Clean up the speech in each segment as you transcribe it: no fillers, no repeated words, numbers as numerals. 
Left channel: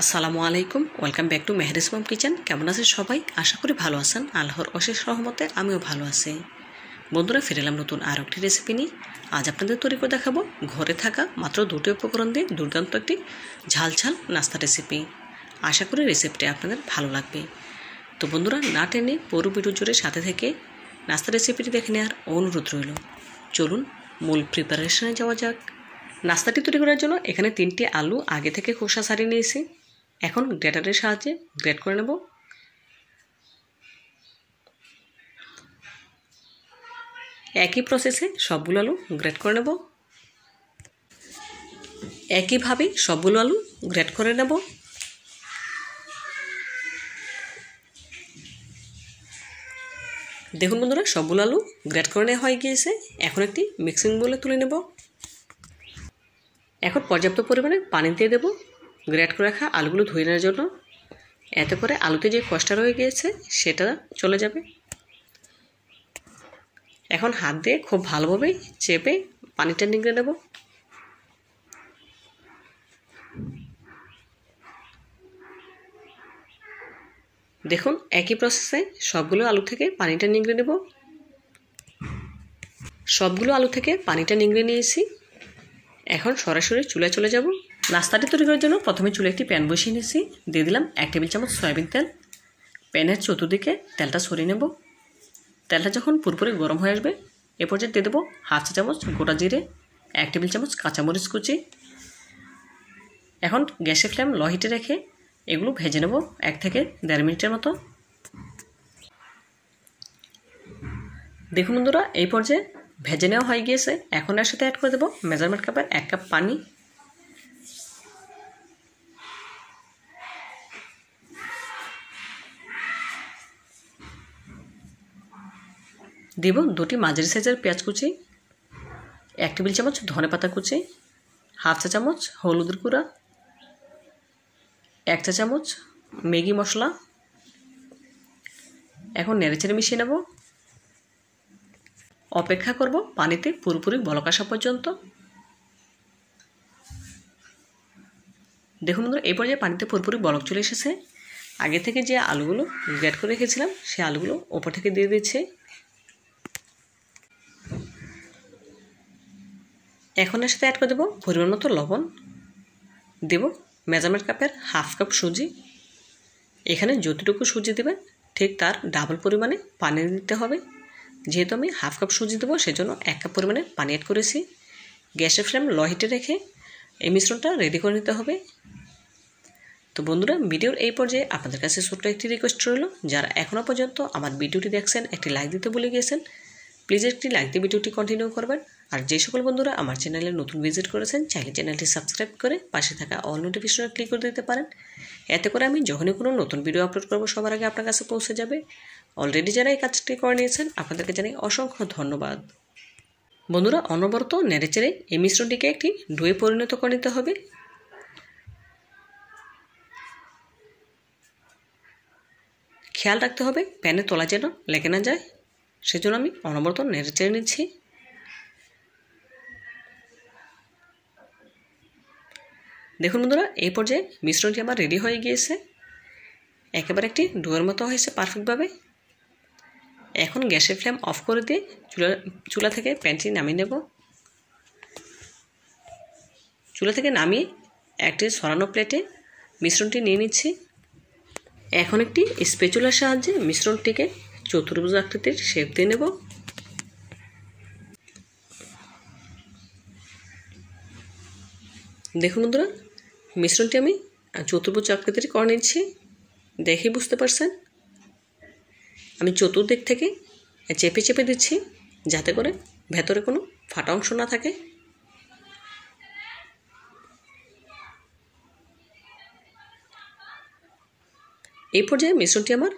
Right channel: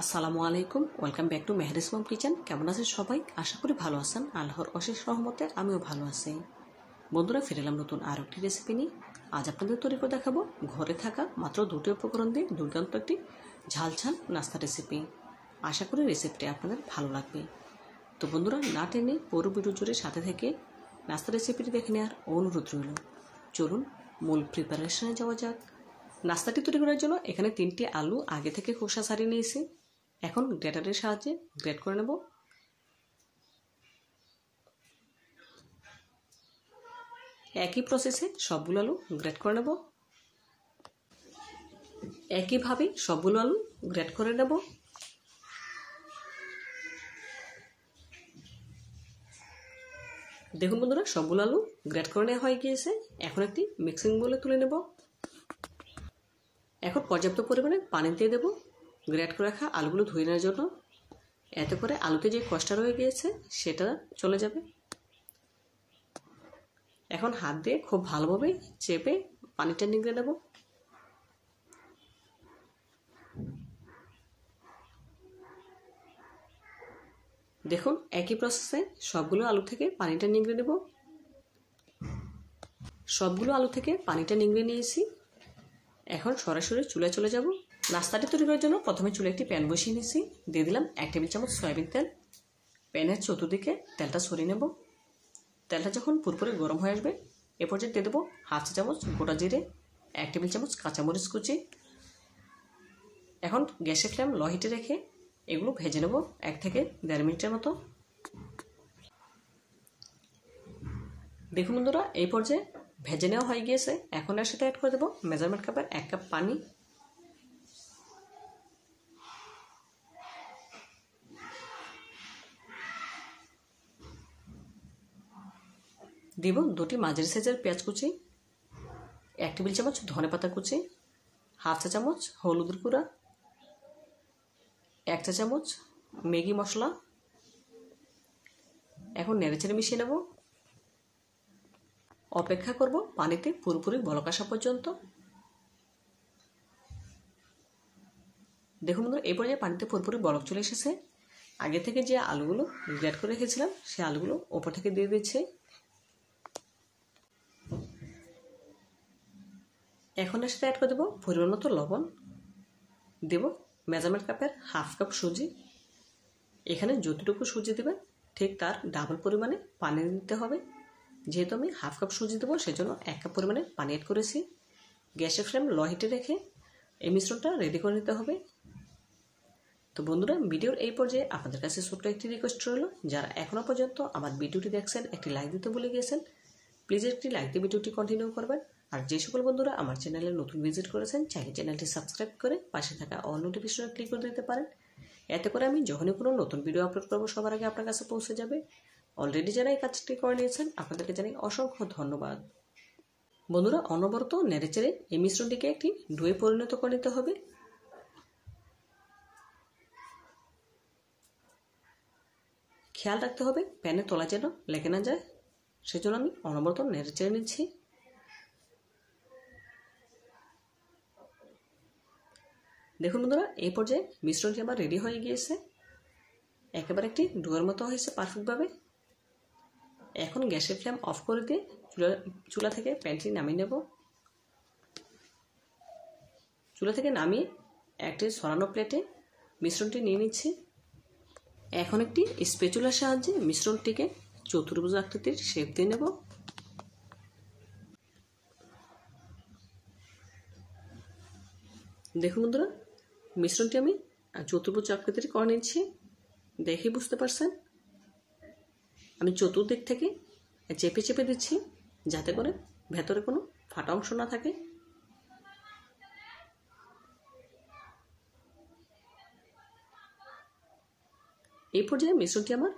আসসালামু আলাইকুম, welcome back to Mehri's mom kitchen. কেমন আছেন সবাই? আশা করি ভালো আছেন। আল্লাহর অশেষ রহমতে আমিও ভালো আছি। বন্ধুরা, ফিরে এলাম নতুন আরও একটি রেসিপি নিয়ে। আজ আপনাদের তৈরি করে দেখাবো ঘরে থাকা মাত্র দুটি উপকরণ দিয়ে দুর্দান্ত একটি ঝাল ঝাল নাস্তা রেসিপি। আশা করি রেসিপিটি আপনাদের ভালো লাগবে। তো বন্ধুরা, না টেনে পুরো ভিডিও জুড়ে সাথে থেকে নাস্তা রেসিপিটি দেখে নেওয়ার অনুরোধ রইল। চলুন মূল প্রিপারেশনে যাওয়া যাক। নাস্তাটি তৈরি করার জন্য এখানে 3টি আলু আগে থেকে খোসা ছাড়িয়ে নিয়েছি। এখন গ্রেটারের সাহায্যে গ্রেট করে নেব। একই প্রসেসে সবগুলো আলু গ্রেট করে নেব। একইভাবে সবগুলো আলু গ্রেট করে নেব। দেখুন বন্ধুরা, সবগুলো আলু গ্রেট করে নেওয়া হয়ে গিয়েছে। এখন একটি মিক্সিং বোলে তুলে নেব। এখন পর্যাপ্ত পরিমাণে পানি দিয়ে দেব গ্রেট করে রাখা আলুগুলো ধুয়ে নেওয়ার জন্য। এতে করে আলুতে যে খসটা রয়ে গিয়েছে সেটা চলে যাবে। এখন হাত দিয়ে খুব ভালোভাবে চেপে পানিটা নিংড়ে নেব। দেখুন, একই প্রসেসে সবগুলো আলু থেকে পানিটা নিংড়ে নেব। সবগুলো আলু থেকে পানিটা নিংড়ে নিয়েছি। এখন সরাসরি চুলায় চলে যাব। নাস্তাটি তৈরি করার জন্য প্রথমে চুলে একটি প্যান বসিয়ে নিয়েছি। দিয়ে দিলাম 1 টেবিল চামচ সয়াবিন তেল। প্যানের চতুর্দিকে তেলটা সরিয়ে নেব। তেলটা যখন পুরোপুরি গরম হয়ে আসবে এ পর্যায়ে দিয়ে দেবো 1/2 চা চামচ গোটা জিরে, 1 টেবিল চামচ কাঁচামরিচ কুচি। এখন গ্যাসের ফ্লেম লো হিটে রেখে এগুলো ভেজে নেব 1 থেকে 1.5 মিনিটের মতো। দেখুন বন্ধুরা, এই পর্যায়ে ভেজে নেওয়া হয়ে গিয়েছে। এখন এর সাথে অ্যাড করে দেবো মেজারমেন্ট কাপের 1 কাপ পানি। দেব 2টি মাঝারি সাইজের পেঁয়াজ কুচি, 1 টেবিল চামচ ধনে পাতা কুচি, 1/2 চা চামচ হলুদের গুঁড়া, 1 চা চামচ ম্যাগি মশলা। এখন নেড়েচেড়ে মিশিয়ে নেব। অপেক্ষা করব পানিতে পুরোপুরি বলক আসা পর্যন্ত। দেখুন বন্ধুরা, এই পর্যায়ে পানিতে পুরোপুরি বলক চলে এসেছে। আগে থেকে যে আলুগুলো গ্রেট করে রেখেছিলাম সেই আলুগুলো ওপর থেকে দিয়ে দিচ্ছি। এখন এর সাথে অ্যাড করে দেবো পরিমাণ মতো লবণ। দেব মেজারমেন্ট কাপের 1/2 কাপ সুজি। এখানে যতটুকু সুজি দেবেন ঠিক তার ডাবল পরিমাণে পানি দিতে হবে। যেহেতু আমি 1/2 কাপ সুজি দেবো সেজন্য 1 কাপ পরিমাণে পানি অ্যাড করেছি। গ্যাসের ফ্লেম লো হিটে রেখে এই মিশ্রণটা রেডি করে নিতে হবে। তো বন্ধুরা, ভিডিওর এই পর্যায়ে আপনাদের কাছে ছোট্ট একটি রিকোয়েস্ট রইল, যারা এখনও পর্যন্ত আমার ভিডিওটি দেখছেন একটি লাইক দিতে ভুলে গিয়েছেন, প্লিজ একটি লাইক দিয়ে ভিডিওটি কন্টিনিউ করবেন। আর যে সকল বন্ধুরা আমার চ্যানেলে নতুন ভিজিট করেছেন চাইলে চ্যানেলটি সাবস্ক্রাইব করে পাশে থাকা অল নোটিফিকেশনে ক্লিক করে দিতে পারেন। এতে করে আমি যখনই কোনো নতুন ভিডিও আপলোড করব সবার আগে আপনার কাছে পৌঁছে যাবে। অলরেডি যারা এই কাজটি করে নিয়েছেন আপনাদেরকে জানাই অসংখ্য ধন্যবাদ। বন্ধুরা, অনবরত নেড়েচেড়ে এই মিশ্রণটিকে একটি ডোয়ে পরিণত করে নিতে হবে। খেয়াল রাখতে হবে প্যানের তলা যেন লেগে না যায়, সেজন্য আমি অনবরত নেড়েচেড়ে নিচ্ছি। দেখুন বন্ধুরা, এই পর্যায়ে মিশ্রণটি আমার রেডি হয়ে গিয়েছে। একেবারে একটি ডোয়ের মতো হয়েছে পারফেক্টভাবে। এখন গ্যাসের ফ্লেম অফ করে দিয়ে চুলা থেকে প্যানটি নামিয়ে নেব। চুলা থেকে নামিয়ে একটি সরানো প্লেটে মিশ্রণটি নিয়ে নিচ্ছি। এখন একটি স্প্যাচুলার সাহায্যে মিশ্রণটিকে চতুর্ভুজ আকৃতির শেপ দিয়ে নেব। দেখুন বন্ধুরা, মিশ্রণটি আমি চতুর্ভুজ আকৃতির করে নিচ্ছি। দেখেই বুঝতে পারছেন আমি চতুর্দিক থেকে চেপে চেপে দিচ্ছি যাতে করে ভেতরে কোনো ফাটা অংশ না থাকে। এই পর্যায়ে মিশ্রণটি আমার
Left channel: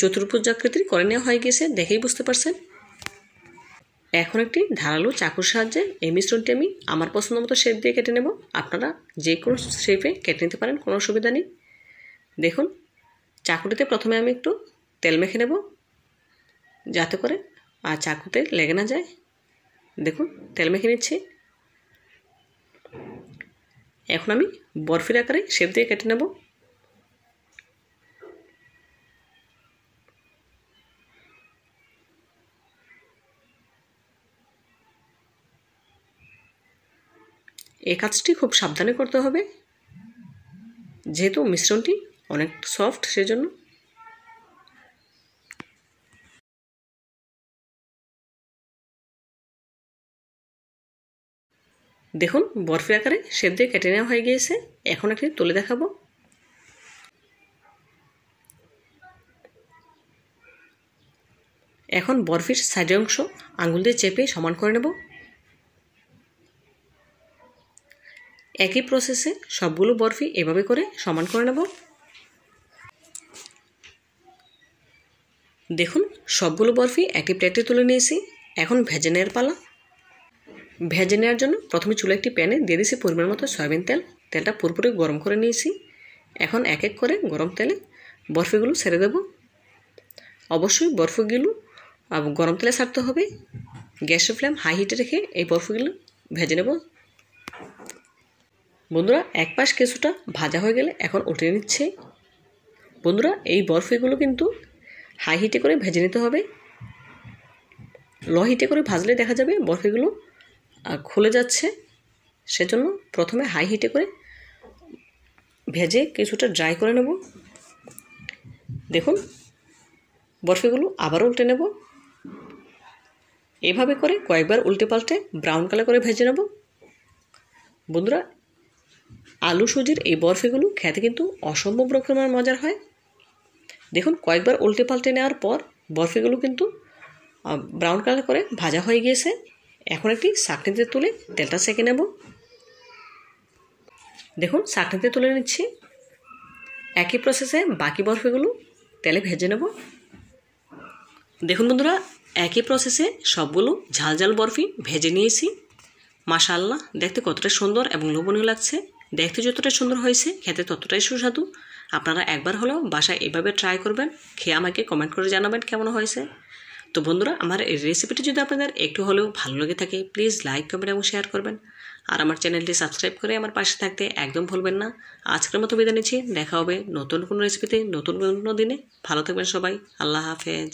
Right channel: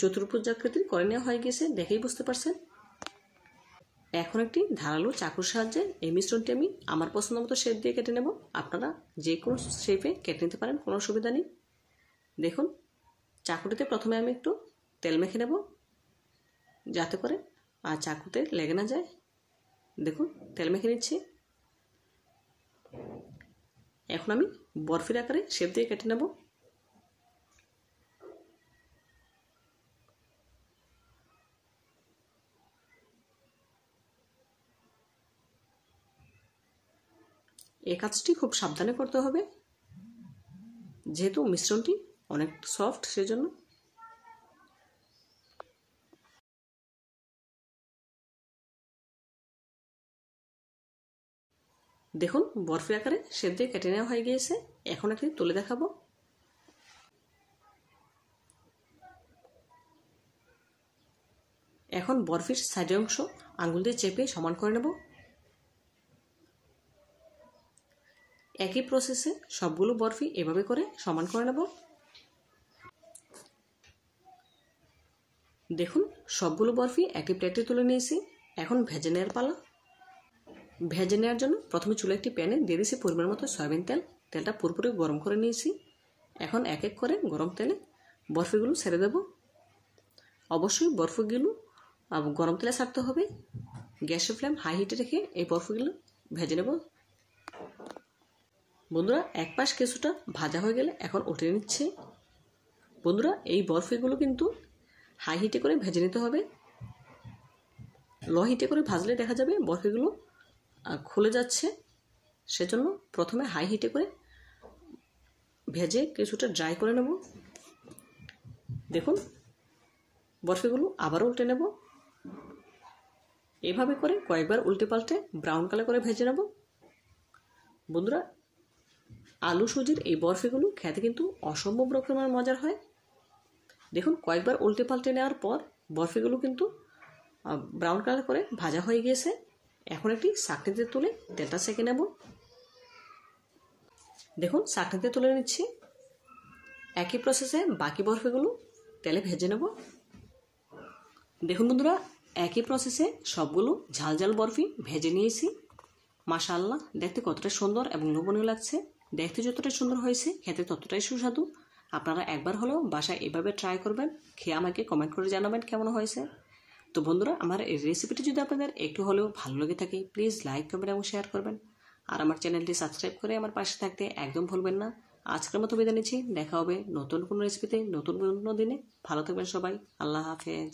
চতুর্ভুজ আকৃতির করে নেওয়া হয়ে গেছে, দেখেই বুঝতে পারছেন। এখন একটি ধারালো চাকুর সাহায্যে এই মিশ্রণটি আমি আমার পছন্দ মতো শেপ দিয়ে কেটে নেব। আপনারা যে কোনো শেপে কেটে নিতে পারেন, কোনো অসুবিধা নেই। দেখুন, চাকুটিতে প্রথমে আমি একটু তেল মেখে নেব যাতে করে আর চাকুতে লেগে না যায়। দেখুন, তেল মেখে নিচ্ছি। এখন আমি বরফির আকারে শেপ দিয়ে কেটে নেব। এই কাজটি খুব সাবধানে করতে হবে, যেহেতু মিশ্রণটি অনেক সফট সেজন্য। দেখুন বরফি আকারে শেপ দিয়ে কেটে নেওয়া হয়ে গিয়েছে। এখন একটি তুলে দেখাবো। এখন বরফির সাইডের অংশ আঙুল দিয়ে চেপে সমান করে নেব। একই প্রসেসে সবগুলো বরফি এভাবে করে সমান করে নেব। দেখুন সবগুলো বরফি একই প্লেটে তুলে নিয়েছি। এখন ভেজে নেওয়ার পালা। ভেজে নেওয়ার জন্য প্রথমে চুলে একটি প্যানে দিয়ে দিয়েছি পরিমাণ মতো সয়াবিন তেল। তেলটা পুরোপুরি গরম করে নিয়েছি। এখন এক এক করে গরম তেলে বরফিগুলো ছেড়ে দেব। অবশ্যই বরফিগুলো গরম তেলে ছাড়তে হবে। গ্যাসের ফ্লেম হাই হিটে রেখে এই বরফিগুলো ভেজে নেব। বন্ধুরা এক পাশ কিছুটা ভাজা হয়ে গেলে এখন উঠিয়ে নিচ্ছে। বন্ধুরা এই বরফিগুলো কিন্তু হাই হিটে করে ভেজে নিতে হবে। লো হিটে করে ভাজলে দেখা যাবে বরফিগুলো খুলে যাচ্ছে। সেজন্য প্রথমে হাই হিটে করে ভেজে কিছুটা ড্রাই করে নেব। দেখুন বরফিগুলো আবার উল্টে নেব। এভাবে করে কয়েকবার উল্টে পাল্টে ব্রাউন কালার করে ভেজে নেব। বন্ধুরা আলু সুজির এই বরফিগুলো খেতে কিন্তু অসম্ভব রকমের মজার হয়। দেখুন কয়েকবার উল্টে পাল্টে নেওয়ার পর বরফিগুলো কিন্তু ব্রাউন কালার করে ভাজা হয়ে গিয়েছে। এখন একটি ছাঁকনিতে তুলে তেলটা সেঁকে নেব। দেখুন ছাঁকনিতে তুলে নিচ্ছি। একই প্রসেসে বাকি বরফিগুলো তেলে ভেজে নেব। দেখুন বন্ধুরা একই প্রসেসে সবগুলো ঝাল ঝাল বরফি ভেজে নিয়েছি। মাশাআল্লাহ দেখতে কতটা সুন্দর এবং লোভনীয় লাগছে। দেখতে যতটা সুন্দর হয়েছে খেতে ততটাই সুস্বাদু। আপনারা একবার হলেও বাসায় এভাবে ট্রাই করবেন, খেয়ে আমাকে কমেন্ট করে জানাবেন কেমন হয়েছে। তো বন্ধুরা আমার এই রেসিপিটি যদি আপনাদের একটু হলেও ভালো লেগে থাকে প্লিজ লাইক কমেন্ট এবং শেয়ার করবেন। আর আমার চ্যানেলটি সাবস্ক্রাইব করে আমার পাশে থাকতে একদম ভুলবেন না। আজকের মতো বিদায় নিচ্ছি। দেখা হবে নতুন কোনো রেসিপিতে নতুন কোনো দিনে। ভালো থাকবেন সবাই। আল্লাহ হাফেজ।